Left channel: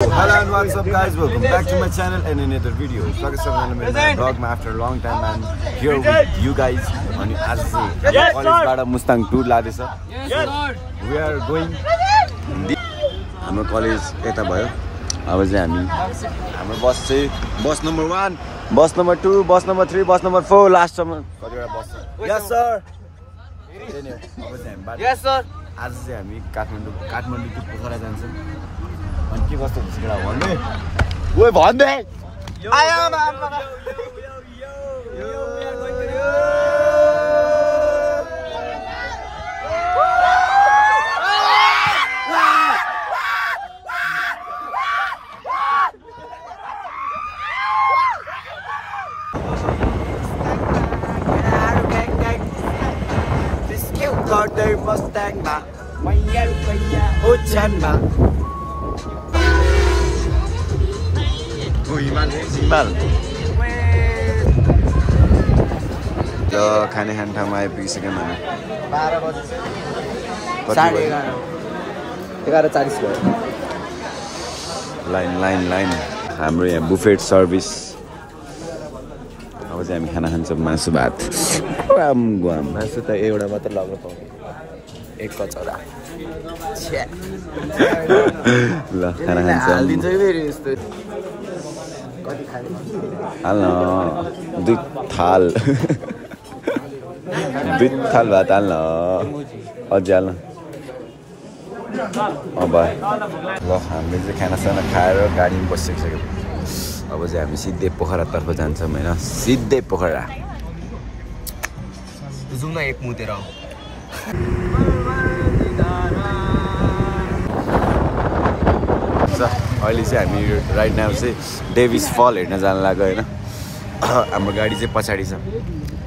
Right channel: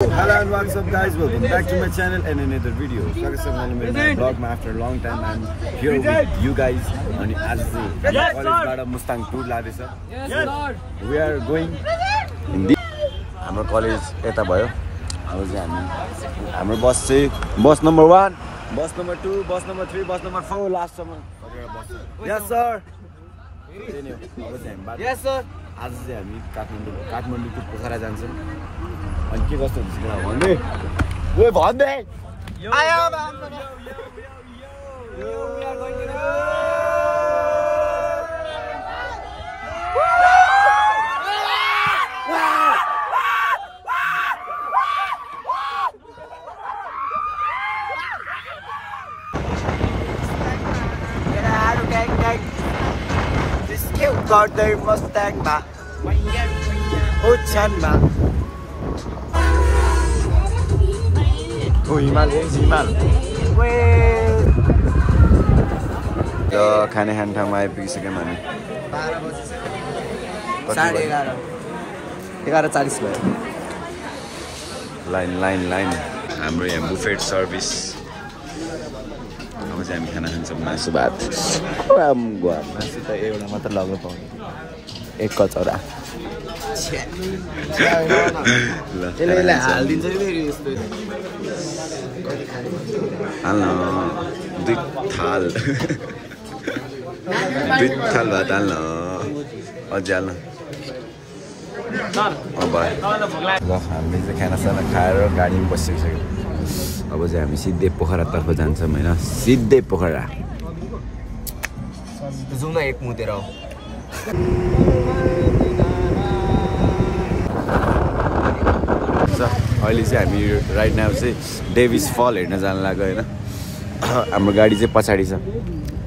Hello and what's up guys, welcome back to my channel and another video. स्वागत छ मेरो नयाँ ब्लगमा after long time I'm here with you guys. अनि आज चाहिँ कलेजबाट मुस्ताङ टुर लादैछ. We are going हाम्रो कलेज यता भयो. अब चाहिँ हाम्रो बस चाहिँ bus number 1, bus number 2, bus number 3, bus number 4 लास्टसम्म कतिवटा बस छ. Yes sir. Yes sir. आज चाहिँ हामी काठमाडौँ टु पोखरा जान्छौँ. अनि के कस्तो हुन्छ केटा भन्दै ओइ भन्दै आयो मामा Carter Mustang ma Ochanma Oh Himal ल खाने ठाउँमा आइपुगिसक्यौँ हामी 11:40 भयो लाइन हाम्रो यहाँ बुफेट सर्भिस अब चाहिँ हामी खाना खान्छौँ मासु भात मासु त एउटा मात्र लग्नु पाउँछ एक कचौरा ल हाल्न 2 थाल 2 थाल भात हाल्न अझै हाल्न भयो ल हामीले चाहिँ खानासाना खाएर गाडीमा बसिसक्यौँ अब चाहिँ हामी सिधै पोखरातर्फ जान्छौँ होइन सिधै पोखरा जाउँ न एक मुतेर अहिले चाहिँ हामी राइट नाउ चाहिँ डेभिस फल हेर्न जान लाग्यो होइन हाम्रो गाडी चाहिँ पछाडि छ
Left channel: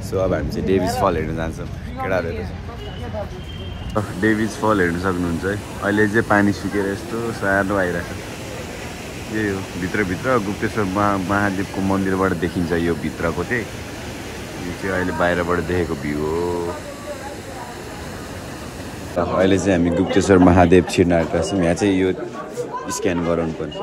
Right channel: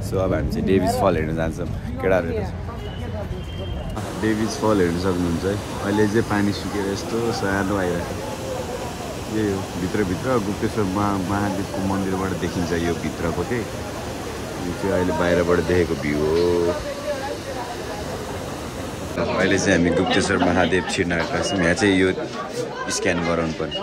सो अब हामी चाहिँ डेभिस फल हेर्न जान्छौँ केटाहरू डेभिस फल हेर्न सक्नुहुन्छ है अहिले चाहिँ पानी सुकेर यस्तो सानो आइरहेको यही हो भित्रभित्र गुप्तेश्वर महादेवको मन्दिरबाट देखिन्छ यो भित्रको चाहिँ यो चाहिँ अहिले बाहिरबाट देखेको भ्यू हो अहिले चाहिँ हामी गुप्तेश्वर महादेव छिर्न आएका छौँ यहाँ चाहिँ यो स्क्यान गराउनु पर्ने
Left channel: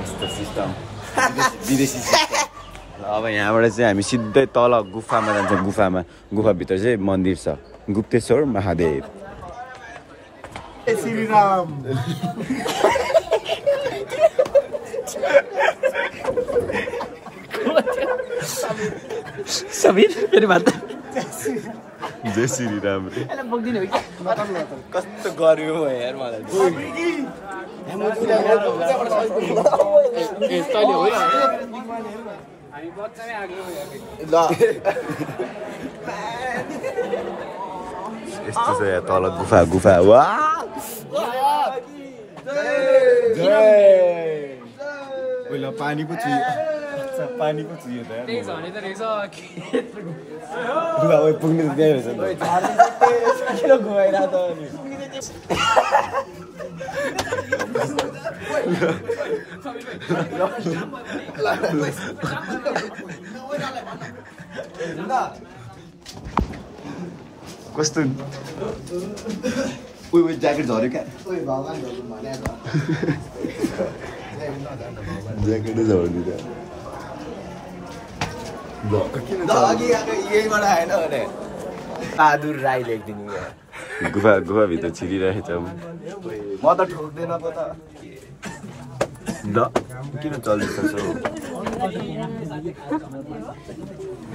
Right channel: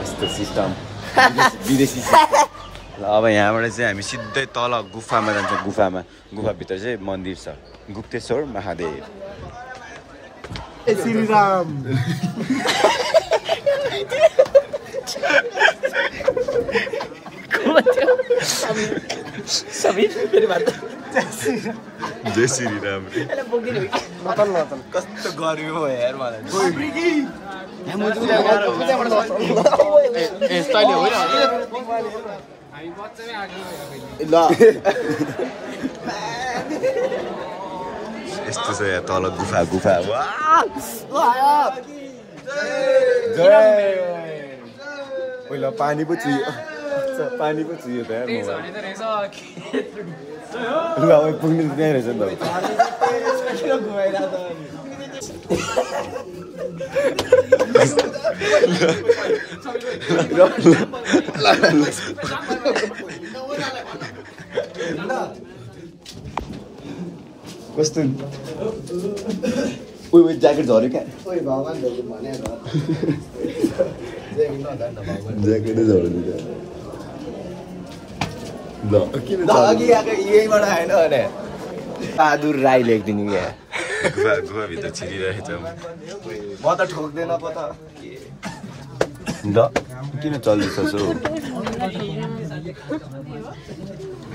यस्तो सिस्टम विदेशी सिस्टम अब यहाँबाट चाहिँ हामी सिधै तल गुफामा जान्छौँ गुफाभित्र चाहिँ मन्दिर छ गुप्तेश्वर महादेव श्रीराम जय श्री राम कस्तो गर्यो यार मलाई यस्तो छ यहाँ तल गुफा पहिला पानी पो चुयो त पुग्ने त त्यहीँ रहेछ कस्तो उयो ज्याकेट झऱ्यो क्या ज्याकेटै झरिदिन्छ ल किन यहीँबाट आएन भने बहादुर राई लेखिदिनु क्या गुफाभित्र छिरिरहेछ म त ठोक्दैन पो त ल किन चल्दैछ सो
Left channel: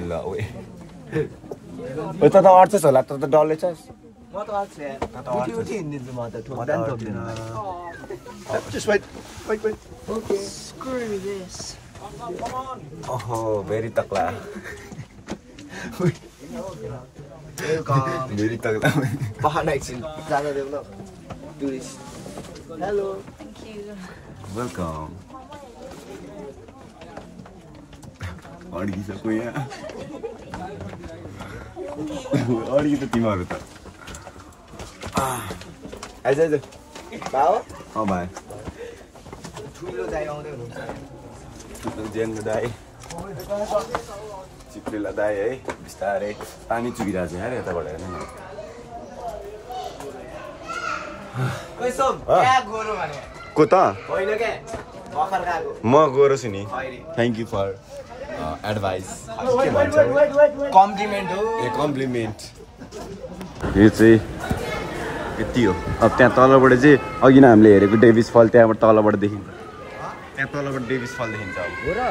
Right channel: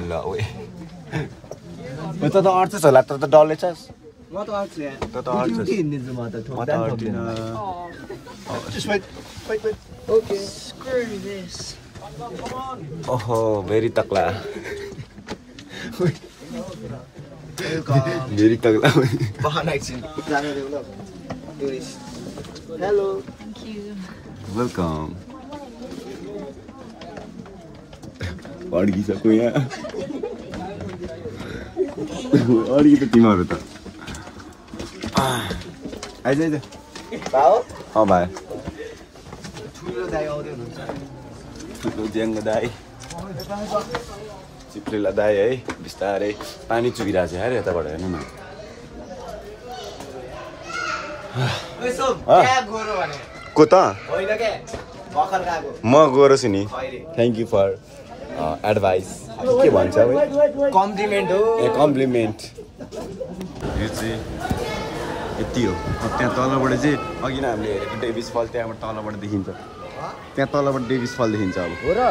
ल ओए त अर्थेछ होला त डल्लै छस् म त अर्थ्छ त अर्थ्छ हिँड्दिन्छु म त ठोक्दैन just wait okay screw this ओहो भेरी तक्ला भेरी तक्ला बहाना एकछिन जान देऊ न टुरिस्ट हेलो वेलकम अड्किसक्यो यहाँ अड्कि त तिमीहरू त आइज भाउ भाइ ठुलो दाइ आउँदै हुनुहुन्छ ठुलो ज्याङ्गो दाइ चिप्लीलाई दाइ है बिस्तारै पानी चुकिरहेको छ यार यताबाट हेर्नु न को त म गोरो छु नि थ्याङ्क यू फर एडभाइस के भन्छ कम्प्लिमेन्ट हो ए कम्प्लिमेन्ट यो चाहिँ यति हो अब त्यहाँ तलबाट चाहिँ अघि नै हामीले हेरेको डेभिस फल त्यहाँबाट तलबाट देखिन्छ त्यहाँ तलबाट डेभिस फल देखिन्छ हो र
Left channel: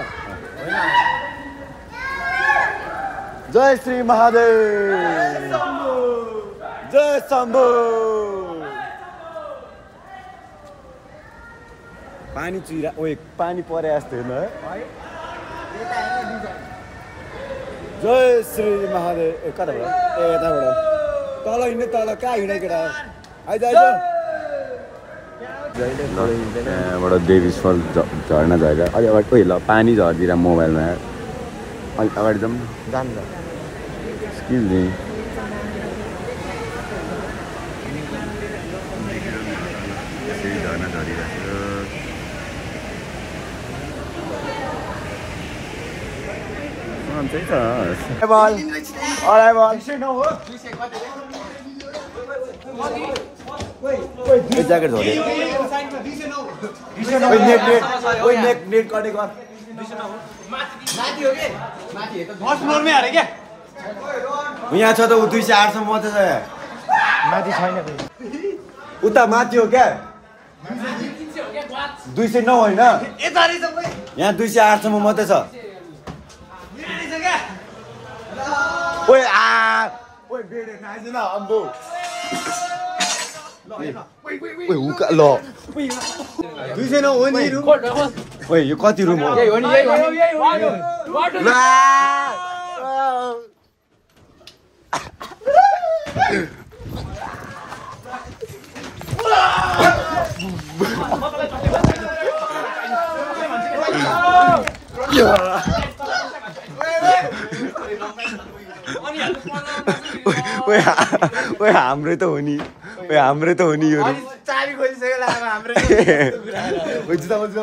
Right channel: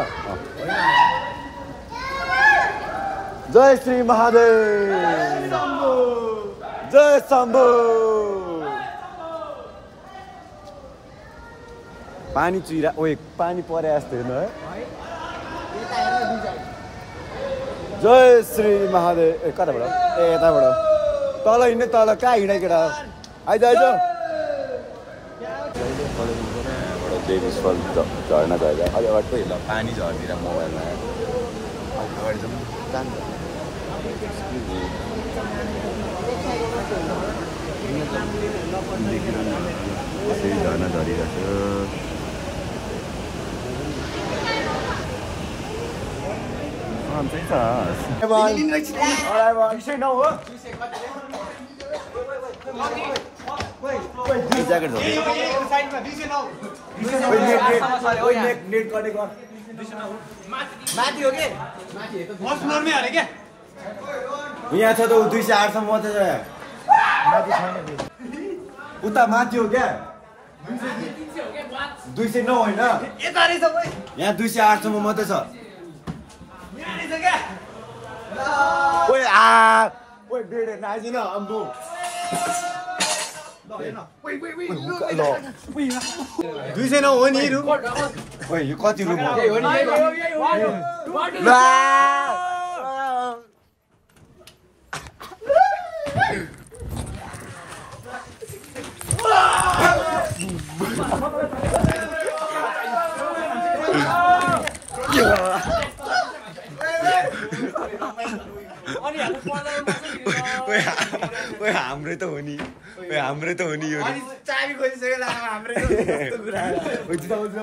जय श्री महादेव जय शम्भु पानी चुइरा ओए पानी परे जस्तो हेर्नु है जय श्री महादेव ए कताबाट ए यताबाट तल हिँड्ने तल कहाँ हिँडे केटा आइज आइज त्यहाँबाट देवी फल झर्न गएर अलि अगाडि ओइ ल पानी झरिदिएर मोबाइलमा अलिक अगाडि जाउँ झर्ना झरिरहेको ज्याकेट यहाँ छ त ऊ 208 सम्म मात्रै छ उता माथि हो क्या 209 होइन यहाँ 208 सम्म मात्रै छ ओए आ ओए बेडे नाइज न अम्बो ओए उका ल 209 हो नि ओए यो कति रुम हो ओए हाम्रै त हो नि ओए हाम्रै त हो नि यो चाबी खोलिसक्यो ला हाम्रै जुत्ता जुत्ता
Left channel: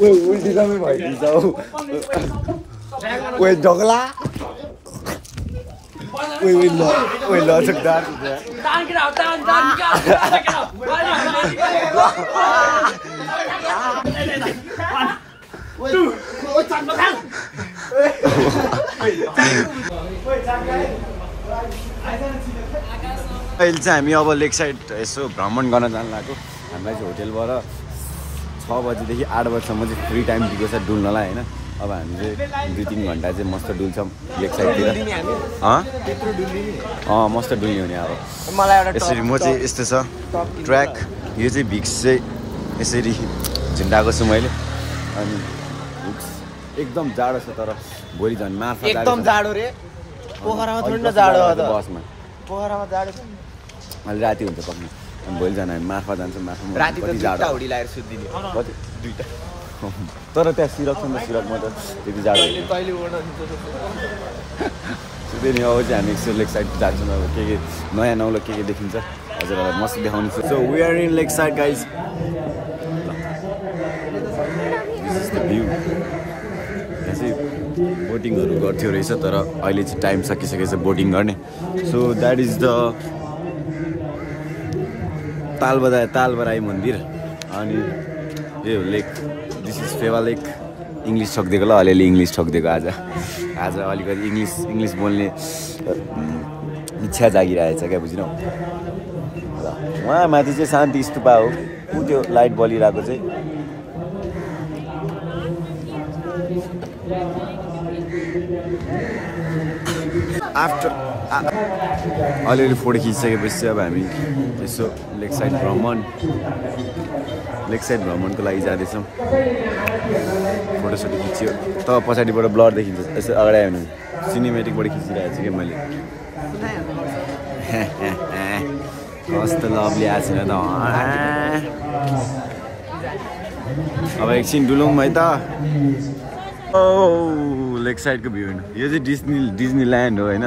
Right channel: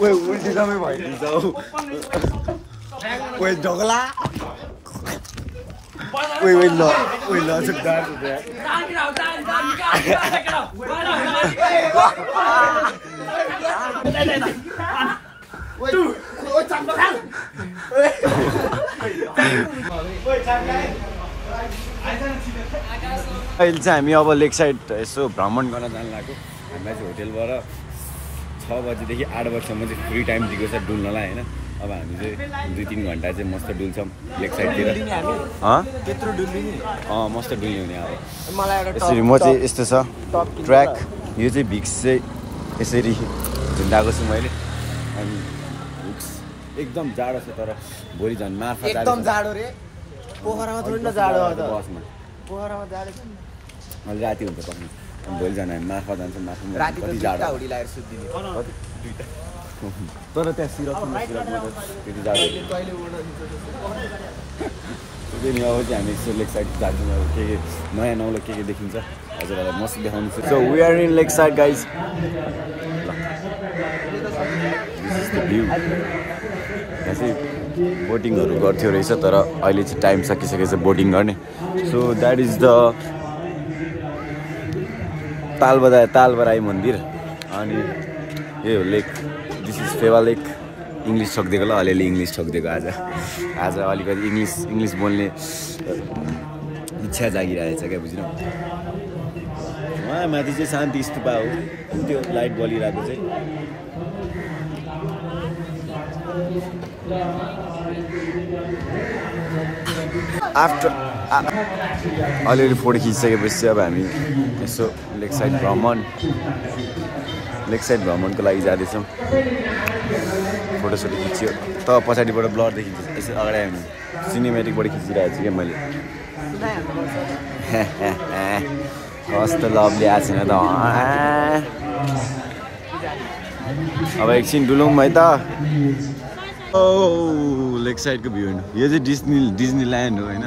ओए उल्टी समय भइदिन्छ हौ ओए जगला ओए ओए ल ओए ल सक्दार अहिले चाहिँ हामी अब लेक साइड यसो भ्रमण गर्न जानु लाग्यो हामीलाई चाहिँ होटेलबाट 6 बजीदेखि 8 बजीसम्म चाहिँ फ्री टाइम दिएको छ डुल्नलाई होइन अब हामी चाहिँ 2-3 घन्टा चाहिँ मस्त डुल्छौँ लेक साइडतिर मस्त डुल्ने हुने अब यसरी म चाहिँ यस्तो छ ट्र्याक यो चाहिँ भिक्स चाहिँ यसरी झुन्डाएको छु मैले अनि हुक्स एकदम जाडो छ तर भोलि झन् मार्फा जाडो रे बसमा अहिले राति हुन्छ पक्नु अनि भोलि जानु हामी मार्फा जान्छौँ मार्फामा कति जाडो तर त्यहाँ सिरकसम्म सिरकमा त त्यति जाडो त्यही नि अब चाहिँ हामी यसो लेक साइड जान्छौँ अब के नयाँ नौलो के देखिन्छ हजुरहरूलाई मस्त देखाउने छु so we are in lakeside guys ल दिस इज द भ्यू यहाँ चाहिँ बोटिङहरू गर्थ्यो रहेछ तर अहिले चाहिँ टाइम सकिसकेछ बोटिङ गर्ने so that is the Talbarahi मन्दिर अनि यही हो lake this is Phewa lake English ठोकिदिएको ल अलिअलि इङ्ग्लिस ठोकिदिएको आज अलिकति इङ्ग्लिस बोल्ने इच्छा जागिरहेछ क्या बुझ्नु र उहाँ माथि चाहिँ शान्ति स्तूपा हो ऊ त्यो लाइट बलिरहेको चाहिँ आफ्टर अलिअलि फोटो खिचिसकेपछि अब हामी यसो लेक साइड भ्रमणको लागि जाँदैछौँ फोटोसोटो खिच्यो त पछाडिबाट ब्लर देखिन्छ यसो अगाडि आयो भने सिनेमेटिकबाट खिचिरहेको छु क्या मैले कस्तो लभली आएको छैन त अब एकछिन डुलौँ है त ओ लेक साइडको भ्यू होइन यो चाहिँ डिज्नी ल्यान्ड हो होइन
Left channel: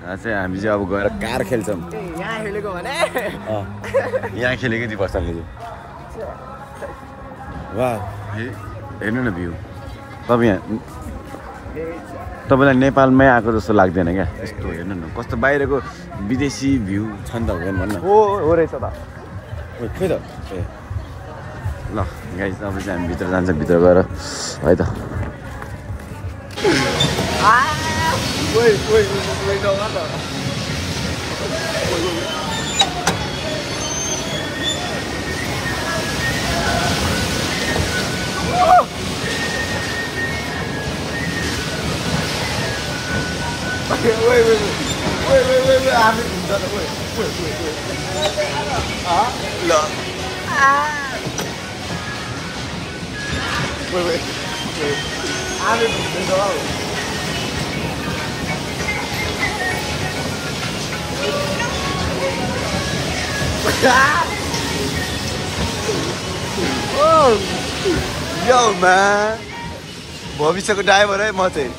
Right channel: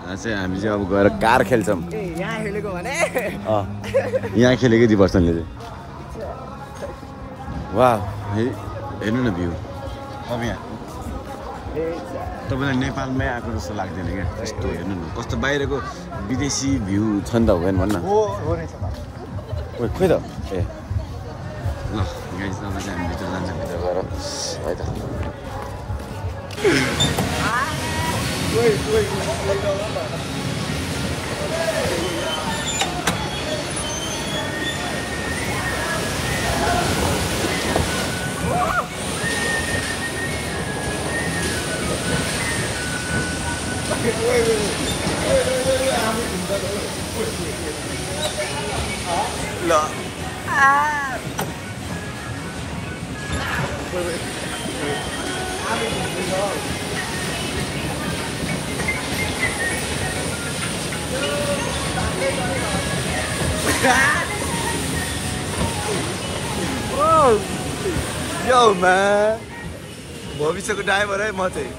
चाहिँ हामी चाहिँ अब गएर कार खेल्छौँ यहाँ खेलेको 2 पर्सनले चाहिँ वाह हेर्नु न भ्यू तपाईँलाई नेपालमै आएको जस्तो लाग्दैन क्या यस्तो हेर्नु न कस्तो बाहिरको विदेशी भ्यू छ नि त हो भन्न हो रहेछ त खोइ त ए ल गाइस अब चाहिँ हामी भित्र जान्छ भित्र गएर है त आफै घुम्छ त ल आफै घुम्दैछ Yo man भविष्यको ड्राइभर है म चाहिँ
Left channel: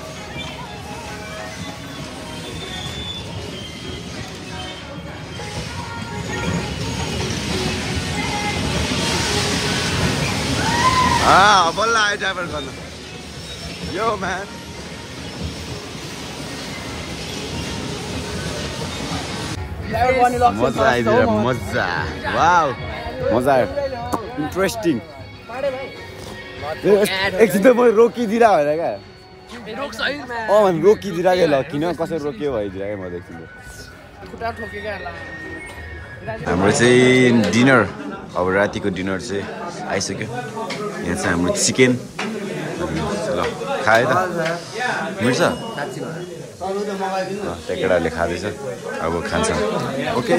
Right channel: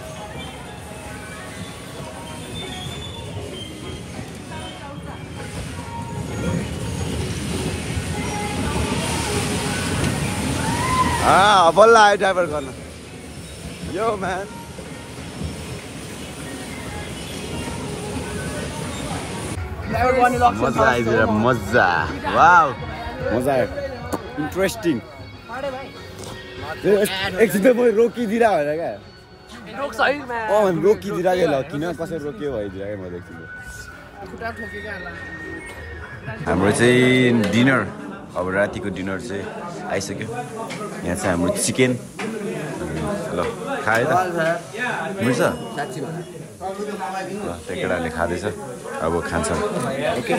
बल्ल आयो ड्राइभर गर्न यो म्यान मजा आइदिएर मजा वाउ मजा आयो इन्ट्रेस्टिङ एकछिन त म रोकिदिएर होइन क्या रोकिदिएर क्या ल किन कसरी रोकियो भइदिएर क्या म एकछिन हाम्रो चाहिँ डिनर अब रातिको डिनर चाहिँ आइसक्यो यहाँ चाहिँ हाम्रो चिकन ल खायो त मिल्छ त्यो केटाहरूले खाँदैछ अब खान्छौँ ओके